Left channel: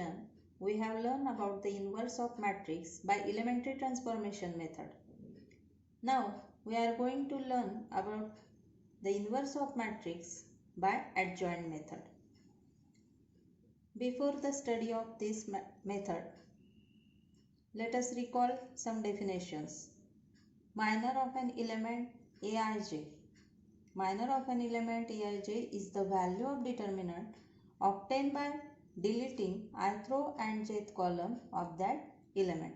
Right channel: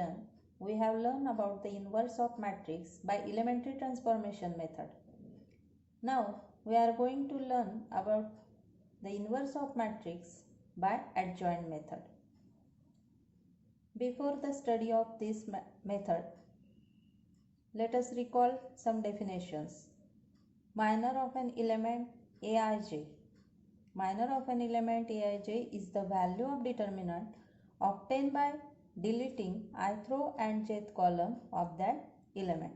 session, we have learned about the inverse of matrix by elementary transformation method. Now, we are going to learn about the inverse of matrix by adjoint method. Before the study of this method, let us recall some definitions. Minor of an element Aij. Minor of an element Aij is the value of determinant obtained by deleting ith row and jth column of that element.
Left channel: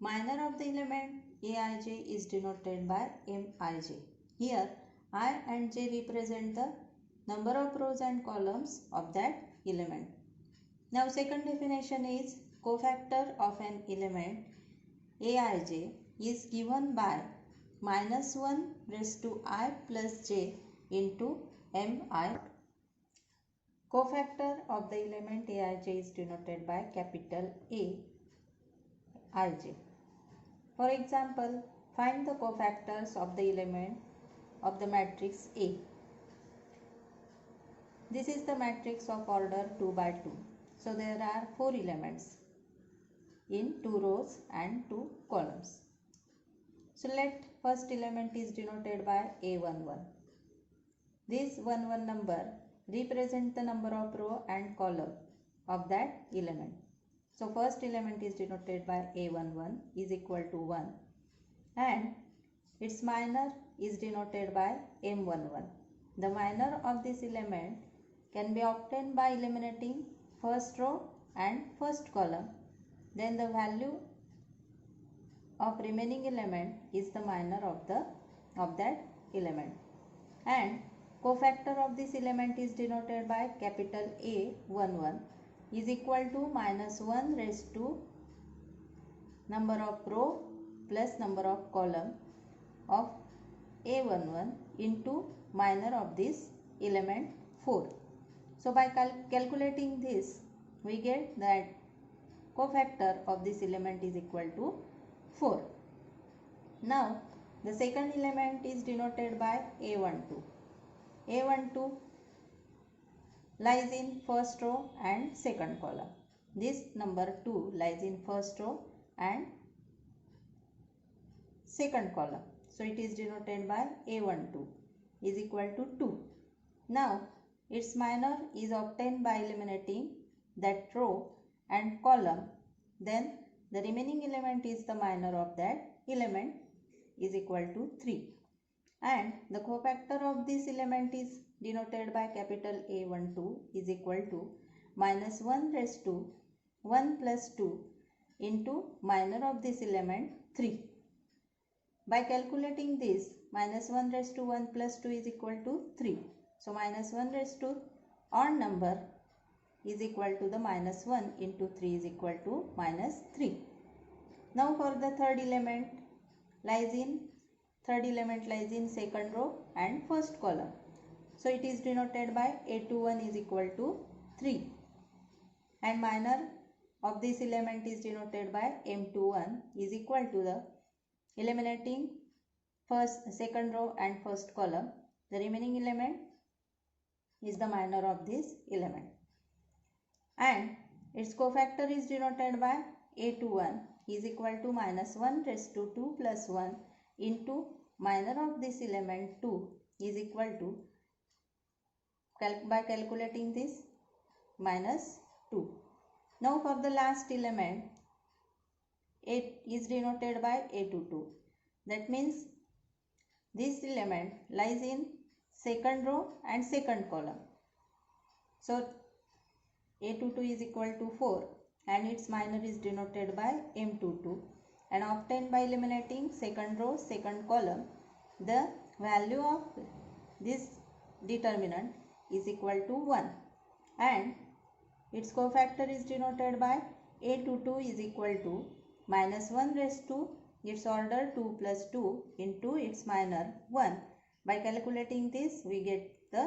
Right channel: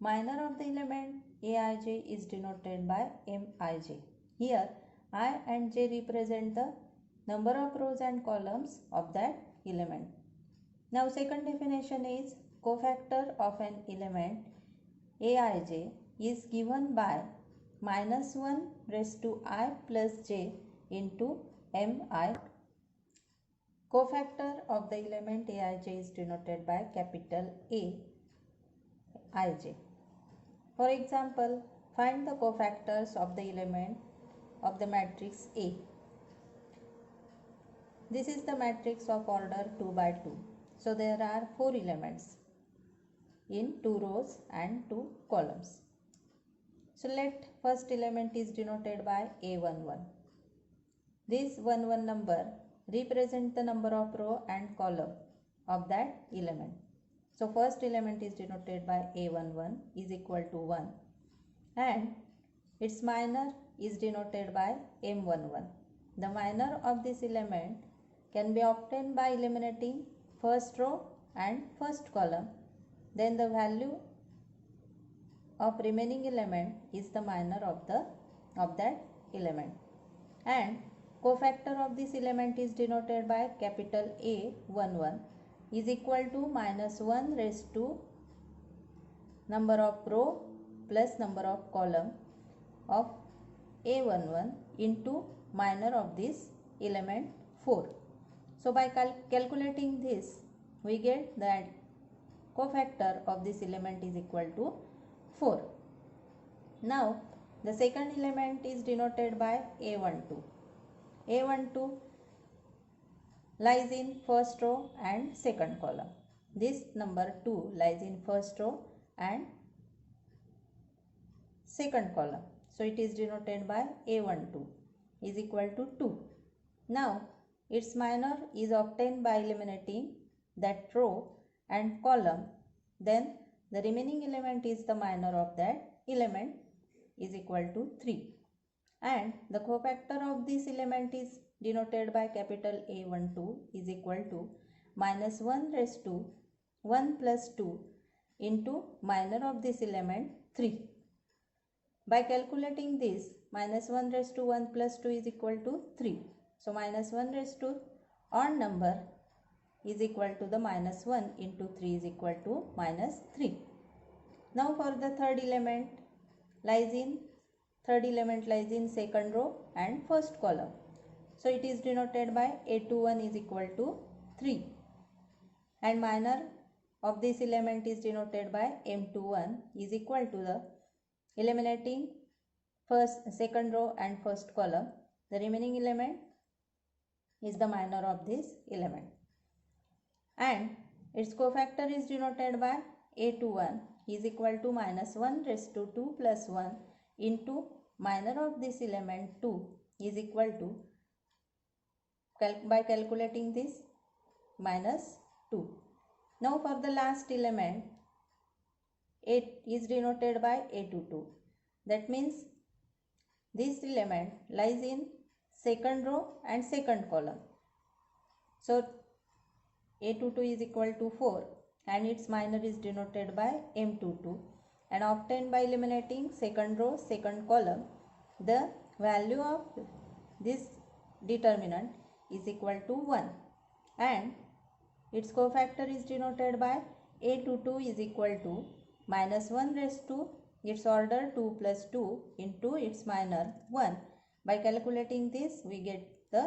Minor of the element Aij is denoted by Mij. Here I and j represent the number of rows and columns of that element. Now second definition is cofactor of an element Aij is given by -1 raised to I plus j into Mi. Cofactor of the element Aij is denoted by capital A ij. For example, find the cofactors of the element of the matrix A. This is the matrix of order 2 by 2. So there are 4 elements in 2 rows and 2 columns. So let first element is denoted by A11. This 11 number represent the number of row and column of that element. So first element is denoted by A11 is equal to 1 and its minor is denoted by M11. The minor of this element can be obtained by eliminating first row and first column. Then the value of remaining element is the minor of that element. And cofactor of this element is denoted by capital A11 is equal to -1 raised to number of row plus number of column of A11 into minor of this element 4. So by calculating this, we get that cofactor of this element is equal to 4. Now the second element is denoted by A12. A12 lies in first row and second column. This number 2 lies in first row and second column. So it is denoted by A12 is equal to 2. Now its minor is obtained by eliminating that row and column. Then the remaining element is the minor of that element is equal to 3. And the cofactor of this element is denoted by capital A12 is equal to -1 raised to 1 plus 2 into minor of this element 3. By calculating this, -1 raised to 1 plus 2 is equal to 3. So -1 raised to odd number is equal to the -1 into 3 is equal to -3. Now for the third element lies in second row and first column. So it is denoted by A21 is equal to 3 and minor of this element is denoted by M21 is equal to the eliminating second row and first column. The remaining element is the minor of this element and its cofactor is denoted by A21 is equal to -1 raised to 2 plus 1 into minor of this element 2 is equal to by calculating this -2. Now for the last element, it is denoted by A22. That means this element lies in second row and second column. So A22 is equal to 4 and its minor is denoted by M22 and obtained by eliminating second row, second column. The value of this determinant is equal to 1 and its cofactor is denoted by A22 is equal to -1 raised to its order 2 plus 2 into its minor 1. By calculating this, we get the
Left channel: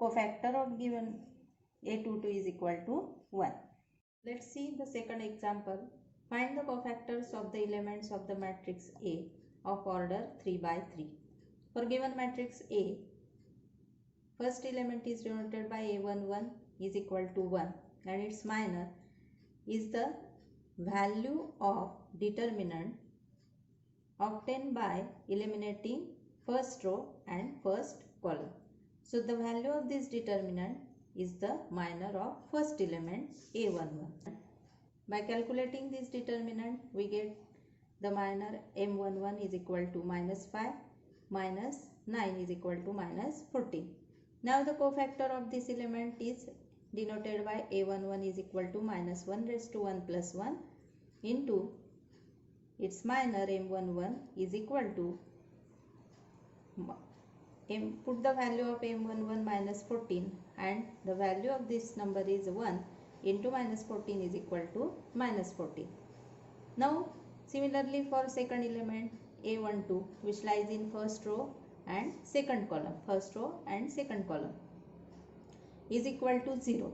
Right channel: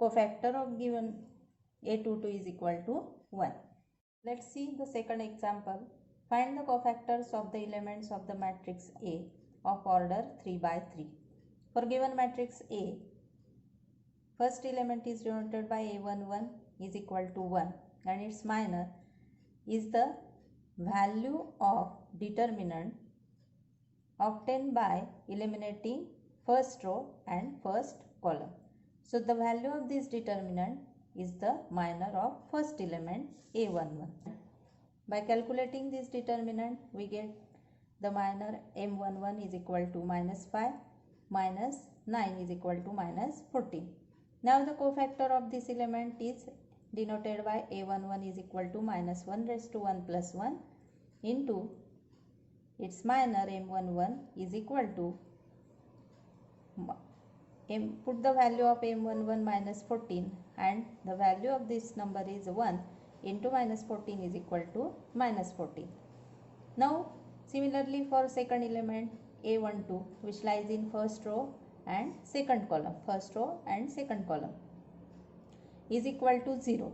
cofactor of given A22 is equal to 1. Let's see the second example. Find the cofactors of the elements of the matrix A of order 3 by 3. For given matrix A, first element is denoted by A11 is equal to 1 and its minor is the value of determinant obtained by eliminating first row and first column. So the value of this determinant is the minor of first element A11. By calculating this determinant, we get the minor M11 is equal to minus 5 minus 9 is equal to minus 14. Now the cofactor of this element is denoted by A11 is equal to minus 1 raised to 1 plus 1 into its minor M11 is equal to, put the value of M11 minus 14 and the value of this number is 1 into minus 14 is equal to minus 14. Now similarly for second element A12, which lies in first row and second column, first row and second column, is equal to 0.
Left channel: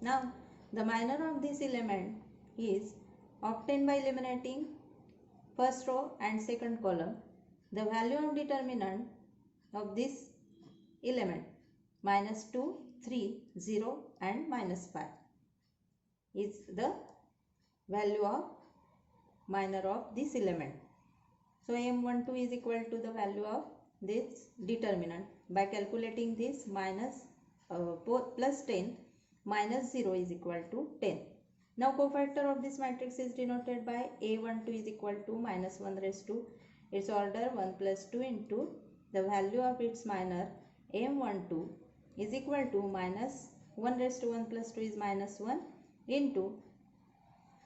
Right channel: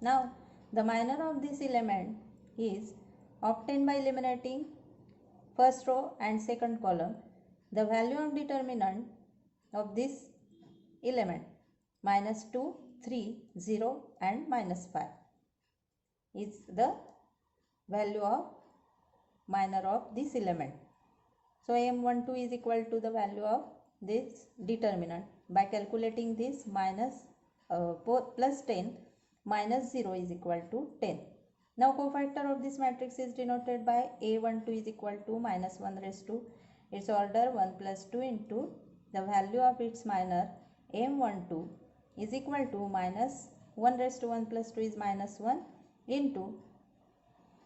Now the minor of this element is obtained by eliminating first row and second column. The value of determinant of this element minus 2, 3, 0 and minus 5 is the value of minor of this element. So M12 is equal to the value of this determinant. By calculating this, minus plus 10 minus 0 is equal to 10. Now cofactor of this matrix is denoted by A12 is equal to minus 1 raised to its order 1 plus 2 into the value of its minor M12 is equal to minus 1 raised to 1 plus 2 is minus 1 into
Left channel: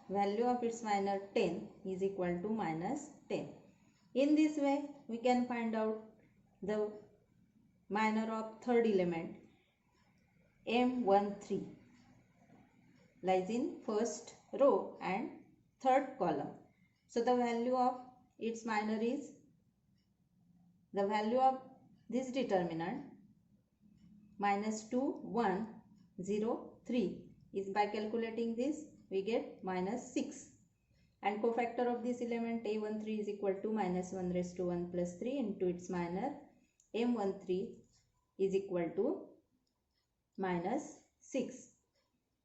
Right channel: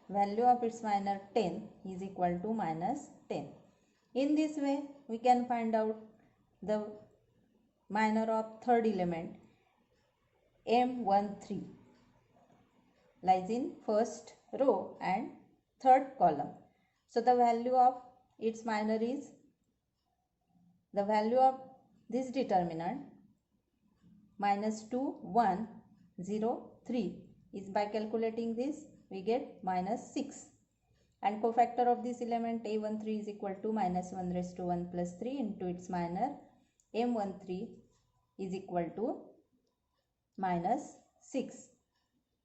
value of its minor 10 is equal to minus 10. In this way, we can find out the minor of third element M13 lies in first row and third column. So the value of its minor is the value of this determinant minus 2, 1, 0, 3 is, by calculating this we get minus 6, and cofactor of this element A13 is equal to minus 1 raised to 1 plus 3 into its minor M13 is equal to minus 6.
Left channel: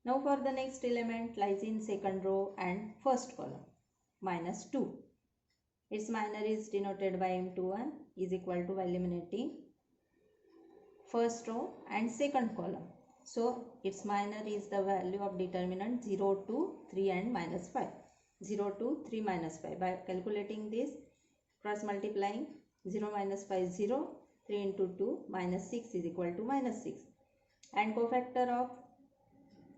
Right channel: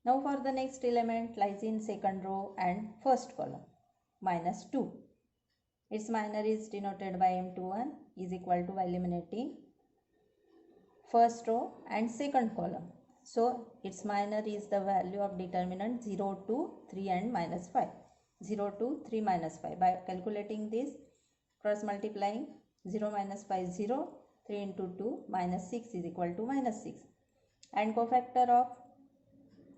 Now for the next element lies in second row and first column, minus 2. Its minor is denoted by M21 is equal to, by eliminating first row and second column. So its minor is the value of determinant 0, 2, 3 and minus 5. 0, 2, 3 minus 5. By calculating this, cross multiplying 0 minus 5 0, 3 into 2 minus 6 is equal to minus 6. And cofactor of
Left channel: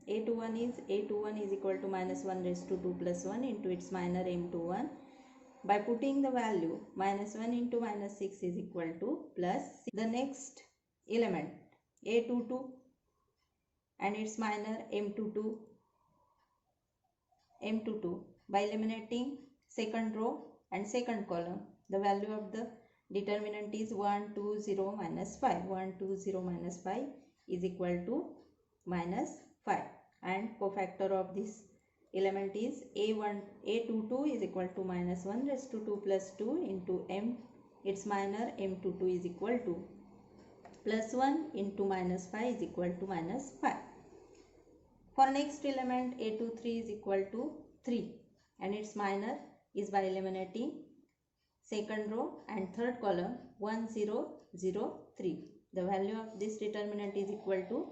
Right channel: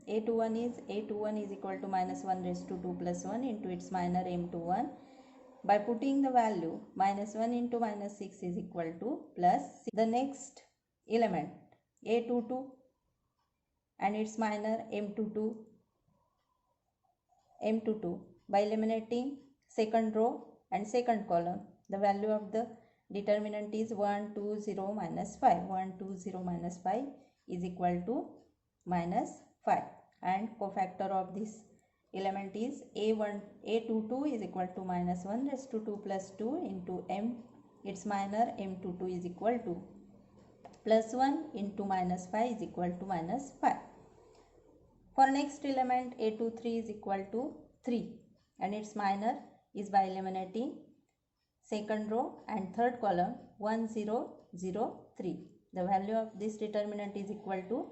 A21 is equal to minus 1 raised to 2 plus 1 into its minor M21. By putting the value minus 1 into minus 6 is equal to plus 6. The next element A22 and its minor M22. By eliminating second row and second column, the value of the determinant is 1, 2, 0 minus 5. 1, 2, 0 minus 5 is equal to minus 5. And cofactor of this element is A22 is equal to minus 1 raised to 2 plus 2 into M, its minor M22 is equal to plus 1 into minus 5 is equal to minus 5. For next element A23 is equal to 3 and its minor is, by eliminating second row and third column 1, 0, 0, 3. The value of this determinant is equal to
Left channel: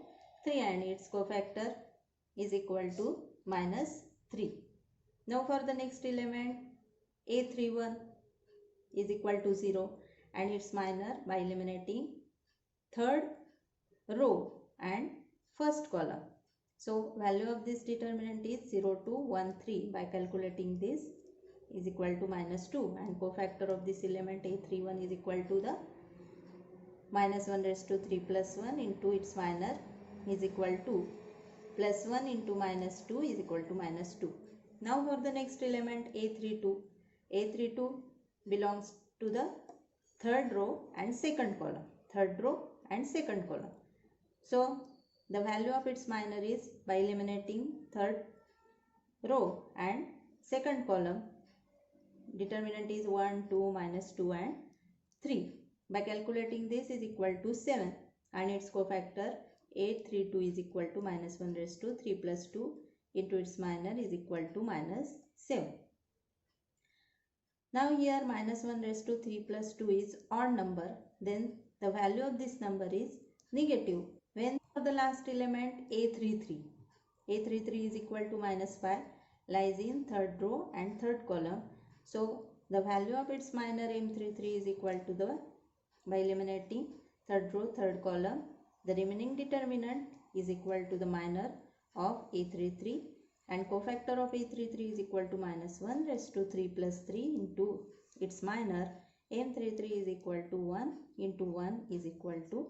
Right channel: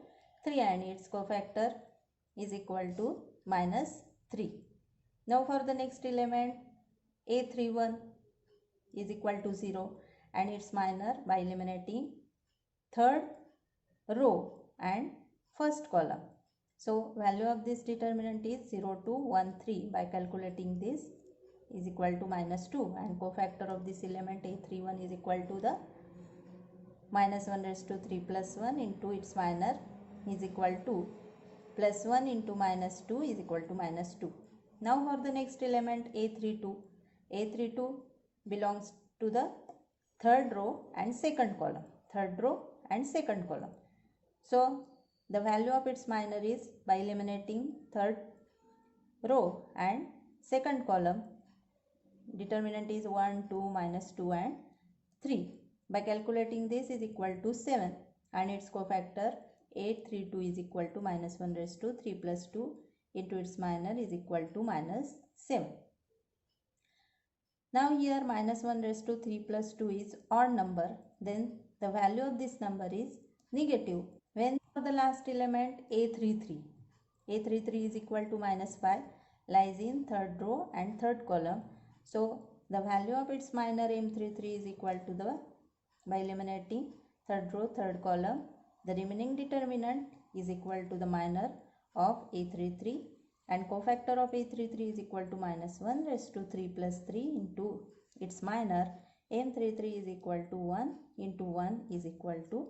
3 and its cofactor is equal to minus 3. Now for the next element A31 is equal to 0 and its minor, by eliminating third row and first column. So value of this determinant is 0, 2, 1, 3. By calculating this is equal to minus 2 and cofactor of this element A31 is equal to the minus 1 raised to 3 plus 1 into its minor is equal to plus 1 into minus 2 is equal to minus 2. Now for the next element A32. A32 belongs to the third row and second column. Third row and second column. So the value of its minor is, by eliminating third row and second column, determinant is 1, 2, minus 2 and 3. By calculating this is equal to 7 and its cofactor 832 is equal to minus 1 raised to 3 plus 2 into its minor is equal to minus 7. Now here minus 1 raised to 3 plus 2 is odd number, then the value of this number is negative. When for the last element A33 is equal to minus 5 lies in third row and third column. So the value of its minor M33 is equal to the, by eliminating third row, third column, the remaining determinant is equal to the minor of A33 and cofactor of A33 is equal to minus 1 raised to 3 plus 3 into its minor M33 is equal to 1 into 1 is equal to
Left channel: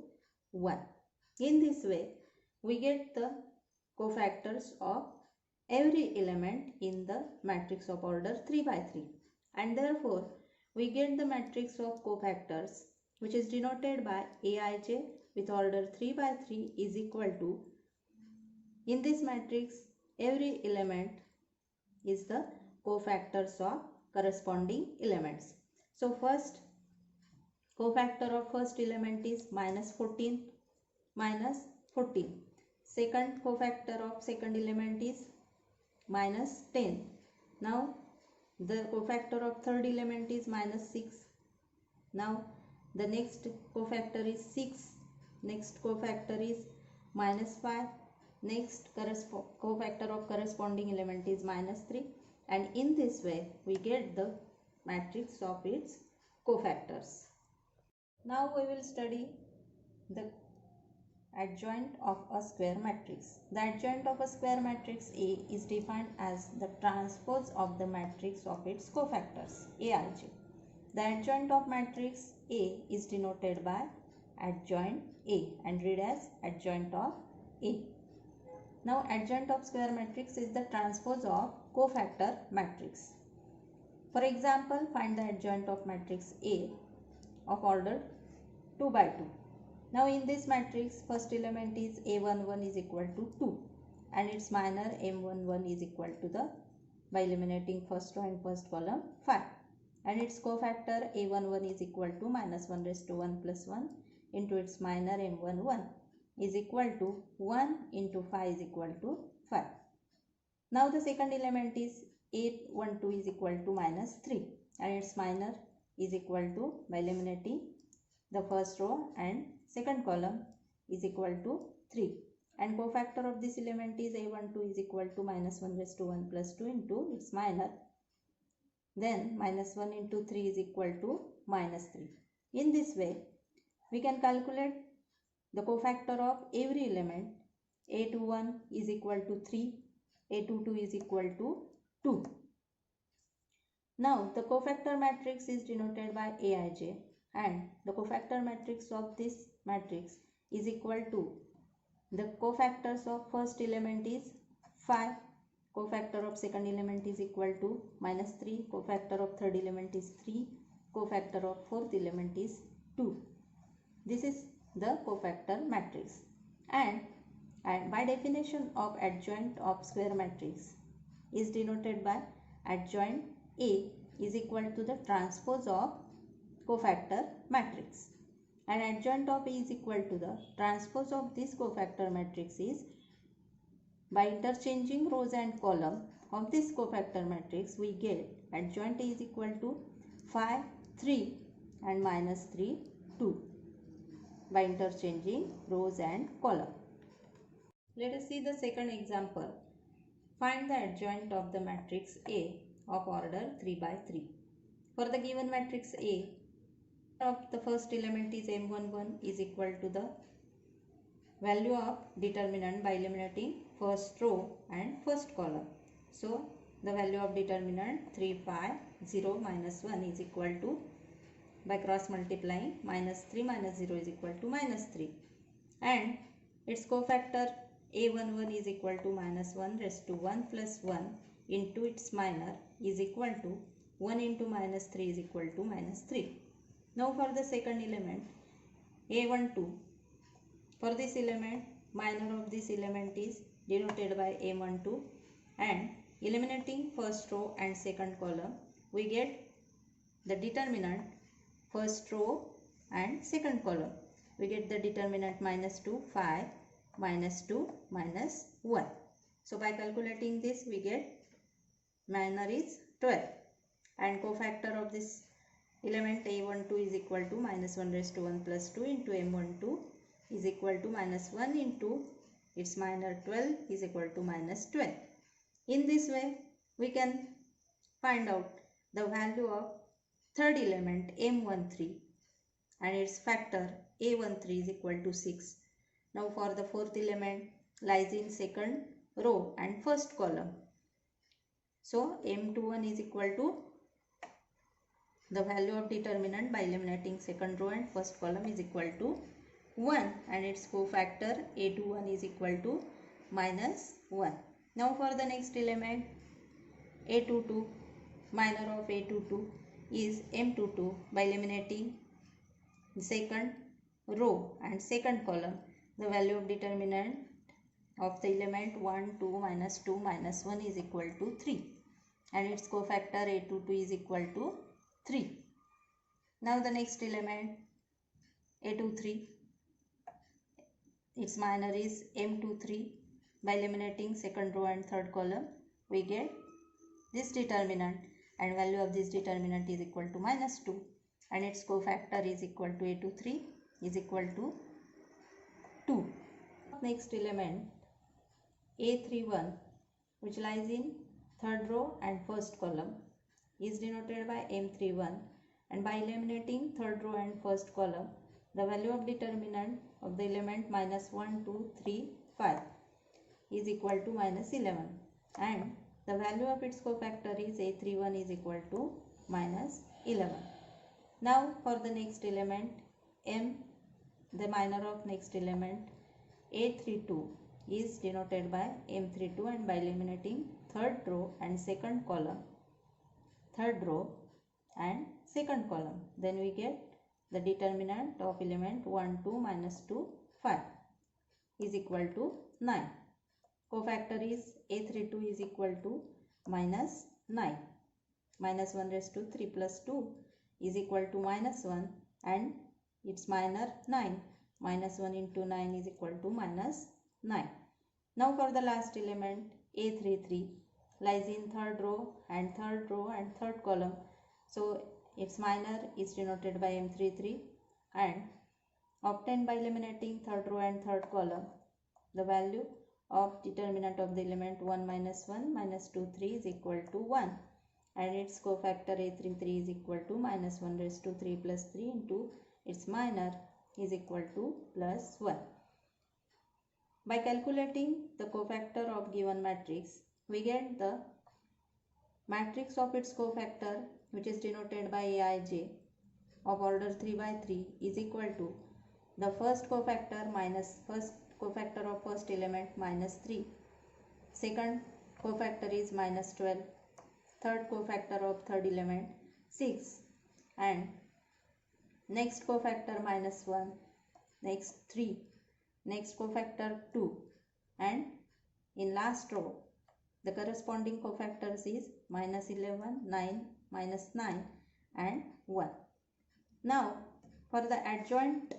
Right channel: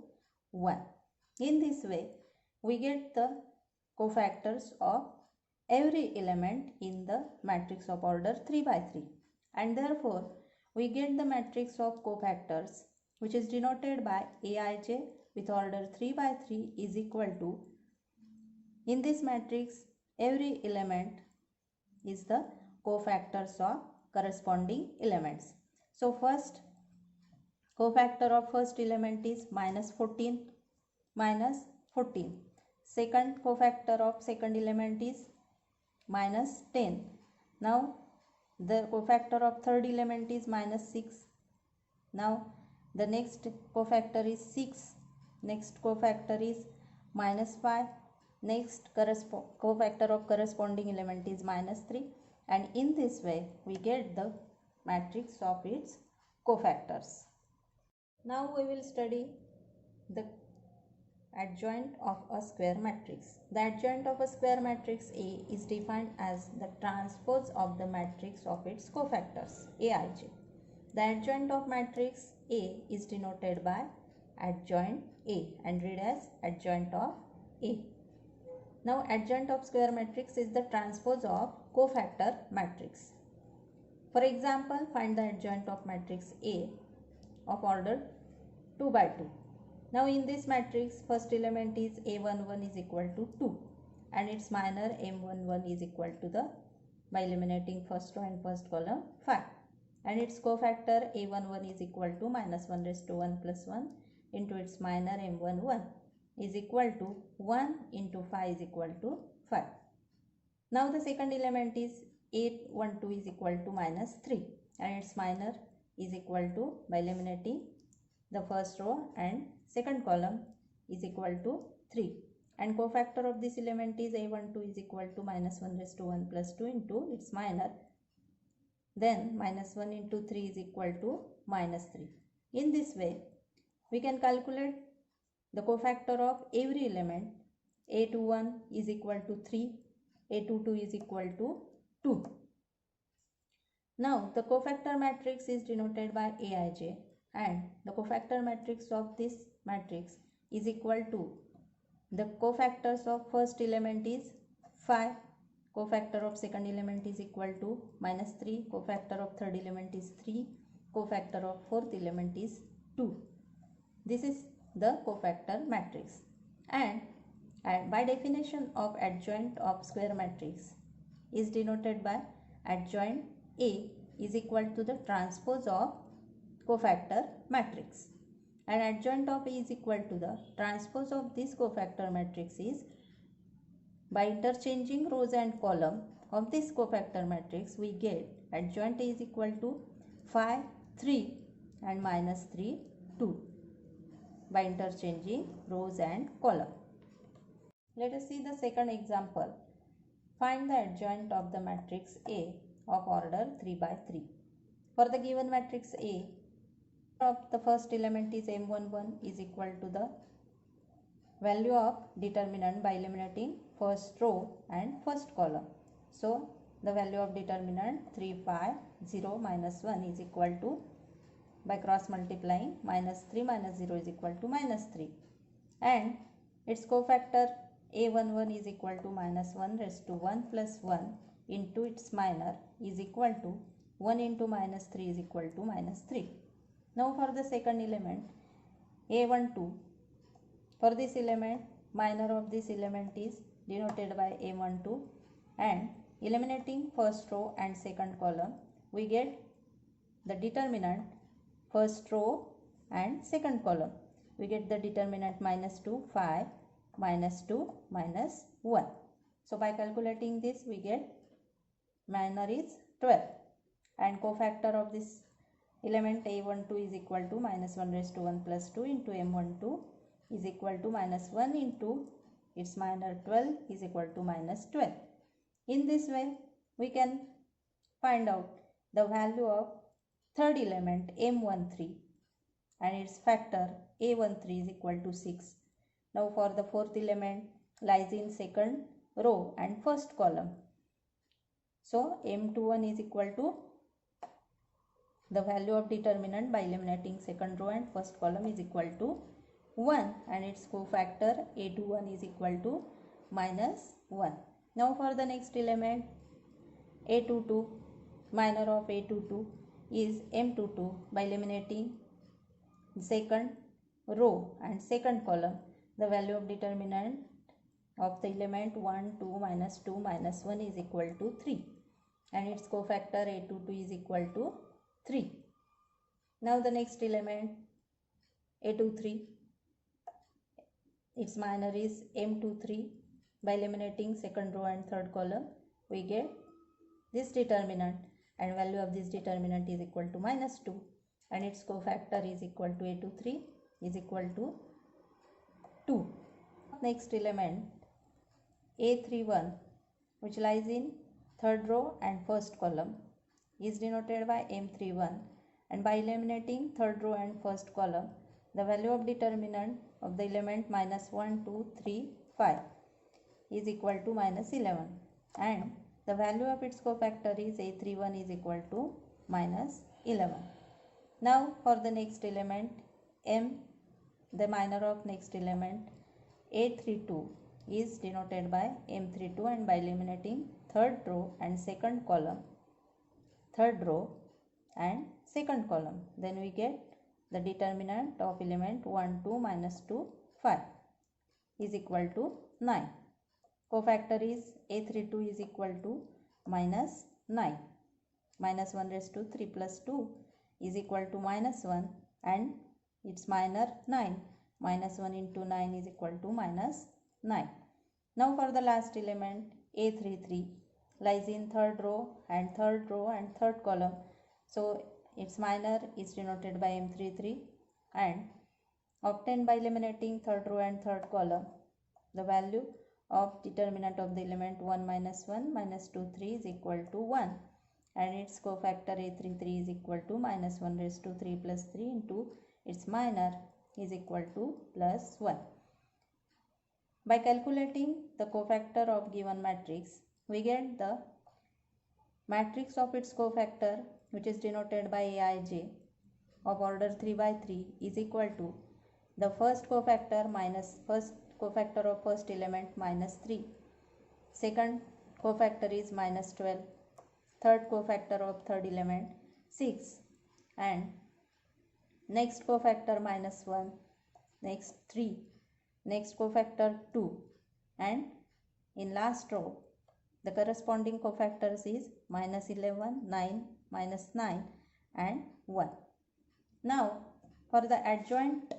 1. In this way, we get the cofactors of every element in the matrix of order 3 by 3 and therefore we get the matrix of cofactors which is denoted by Aij with order 3 by 3 is equal to, in this matrix every element is the cofactors of corresponding elements. So first cofactor of first element is minus 14. Second cofactor of second element is minus 10. Now the cofactor of third element is minus 6. Now the next cofactor is 6. Next cofactor is minus 5. Next cofactor of corresponding element is minus 3. And in this way we get the matrix of its cofactors. Now we will study the adjoint of a square matrix. The adjoint of a square matrix A is defined as the transpose of the matrix of its cofactors Aij. The adjoint of matrix A is denoted by adjoint A and read as adjoint of A. Now adjoint of square matrix is the transpose of cofactor matrix. For example, find the adjoint of matrix A of order 2 by 2. Now in this matrix first element is A11 is equal to 2 and its minor M11 is equal to the, by eliminating first row and first column, 5 and its cofactor A11 is equal to minus 1 raised to 1 plus 1 into its minor M11 is equal to 1 into 5 is equal to 5. Now the second element is A12 is equal to minus 3 and its minor is equal to, by eliminating the first row and second column, is equal to 3 and cofactor of this element is A12 is equal to minus 1 raised to 1 plus 2 into its minor, then minus 1 into 3 is equal to minus 3. In this way we can calculate the cofactor of every element. A21 is equal to 3, A22 is equal to 2. Now the cofactor matrix is denoted by Aij and the cofactor matrix of this matrix is equal to, the cofactors of first element is 5, cofactor of second element is equal to minus 3, cofactor of third element is 3, cofactor of fourth element is 2. This is the cofactor matrix and by definition of adjoint of square matrix is denoted by adjoint A is equal to the transpose of cofactor matrix and adjoint of A is equal to the transpose of this cofactor matrix is, by interchanging rows and column of this cofactor matrix we get adjoint A is equal to 5, 3 and minus 3, 2 by interchanging rows and column. Let us see the second example. Find the adjoint of the matrix A of order 3 by 3. For the given matrix A, of the first element is M11 is equal to the value of determinant by eliminating first row and first column. So the value of determinant 3 pi 0 minus 1 is equal to, by cross multiplying, minus 3 minus 0 is equal to minus 3 and its cofactor A11 is equal to minus 1 raised to 1 plus 1 into its minor is equal to 1 into minus 3 is equal to minus 3. Now for the second element A12, for this element minor of this element is denoted by A12 and eliminating first row and second column we get the determinant first row and second column. We get the determinant minus 2, 5 minus 2 minus 1. So by calculating this we get minor is 12 and cofactor of this element a12 is equal to minus 1 raised to 1 plus 2 into m12 is equal to minus 1 into its minor 12 is equal to minus 12. In this way we can find out the value of third element m13 and its factor a13 is equal to 6. Now for the fourth element lies in second row and first column. So m21 is equal to the value of determinant by eliminating second row and first column is equal to 1 and its cofactor a21 is equal to minus 1. Now for the next element a22, minor of a22 is m22 by eliminating second row and second column. The value of determinant of the element 1, 2, minus 2, minus 1 is equal to 3 and its cofactor a22 is equal to 3. Now the next element a23, its minor is m23. By eliminating second row and third column we get this determinant and value of this determinant is equal to minus 2 and its cofactor is equal to a23 is equal to 2. Next element a31 which lies in third row and first column is denoted by m31 and by eliminating third row and first column the value of determinant of the element minus 1, 2, 3, 5 is equal to minus 11 and the value of its cofactor is a31 is equal to minus 11. Now for the next element the minor of next element a32 is denoted by m32 and by eliminating third row and second column, then we get the determinant of element 1, 2, minus 2, 5 is equal to 9. Cofactor is a32 is equal to minus 9. Minus 1 raised to 3 plus 2 is equal to minus 1 and its minor 9. Minus 1 into 9 is equal to minus 9. Now for the last element a33 lies in third row and third column. So its minor is denoted by m33 and obtained by eliminating third row and third column. The value of determinant of the element 1 minus 1 minus 2 3 is equal to 1 and its cofactor a33 is equal to minus 1 raised to 3 plus 3 into its minor is equal to plus 1. By calculating the cofactor of given matrix we get the matrix of its cofactor which is denoted by aij of order 3 by 3 is equal to the first cofactor minus first cofactor of first element minus 3, second cofactor is minus 12, third cofactor of third element 6 and next cofactor minus 1, next 3, next cofactor 2 and in last row the corresponding cofactors is minus 11, 9, minus 9 and 1. Now for the adjoint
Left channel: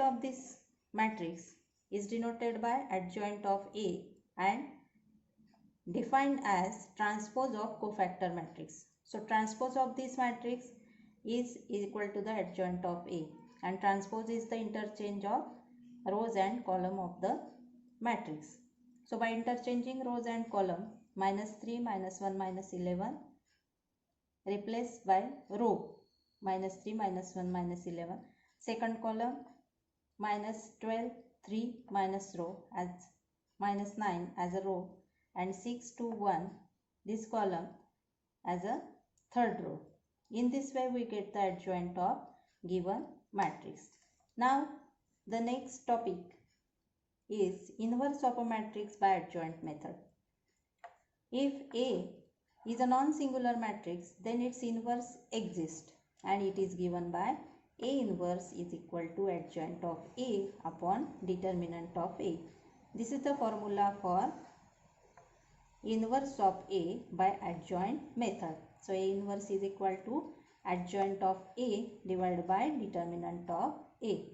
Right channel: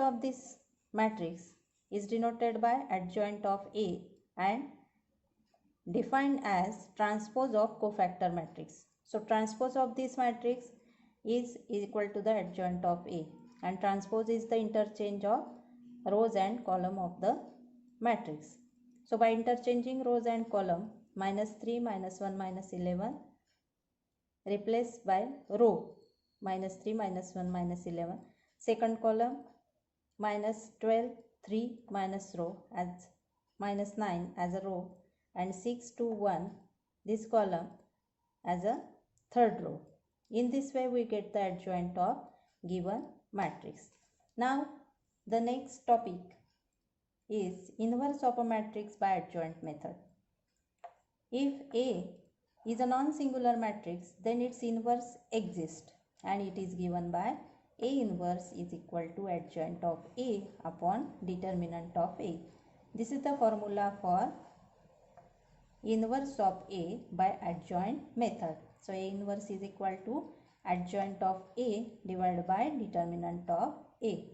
of this matrix is denoted by adjoint of A and defined as transpose of cofactor matrix. So transpose of this matrix is equal to the adjoint of A and transpose is the interchange of rows and column of the matrix. So by interchanging rows and column minus 3, minus 1, minus 11 replaced by row minus 3, minus 1, minus 11, second column minus 12, 3 minus row as minus 9 as a row and 6 to 1 this column as a third row. In this way we get the adjoint of given matrix. Now the next topic is inverse of a matrix by adjoint method. If A is a non-singular matrix then its inverse exists and it is given by A inverse is equal to adjoint of A upon determinant of A. This is the formula for inverse of A by adjoint method. So A inverse is equal to adjoint of A divided by determinant of A.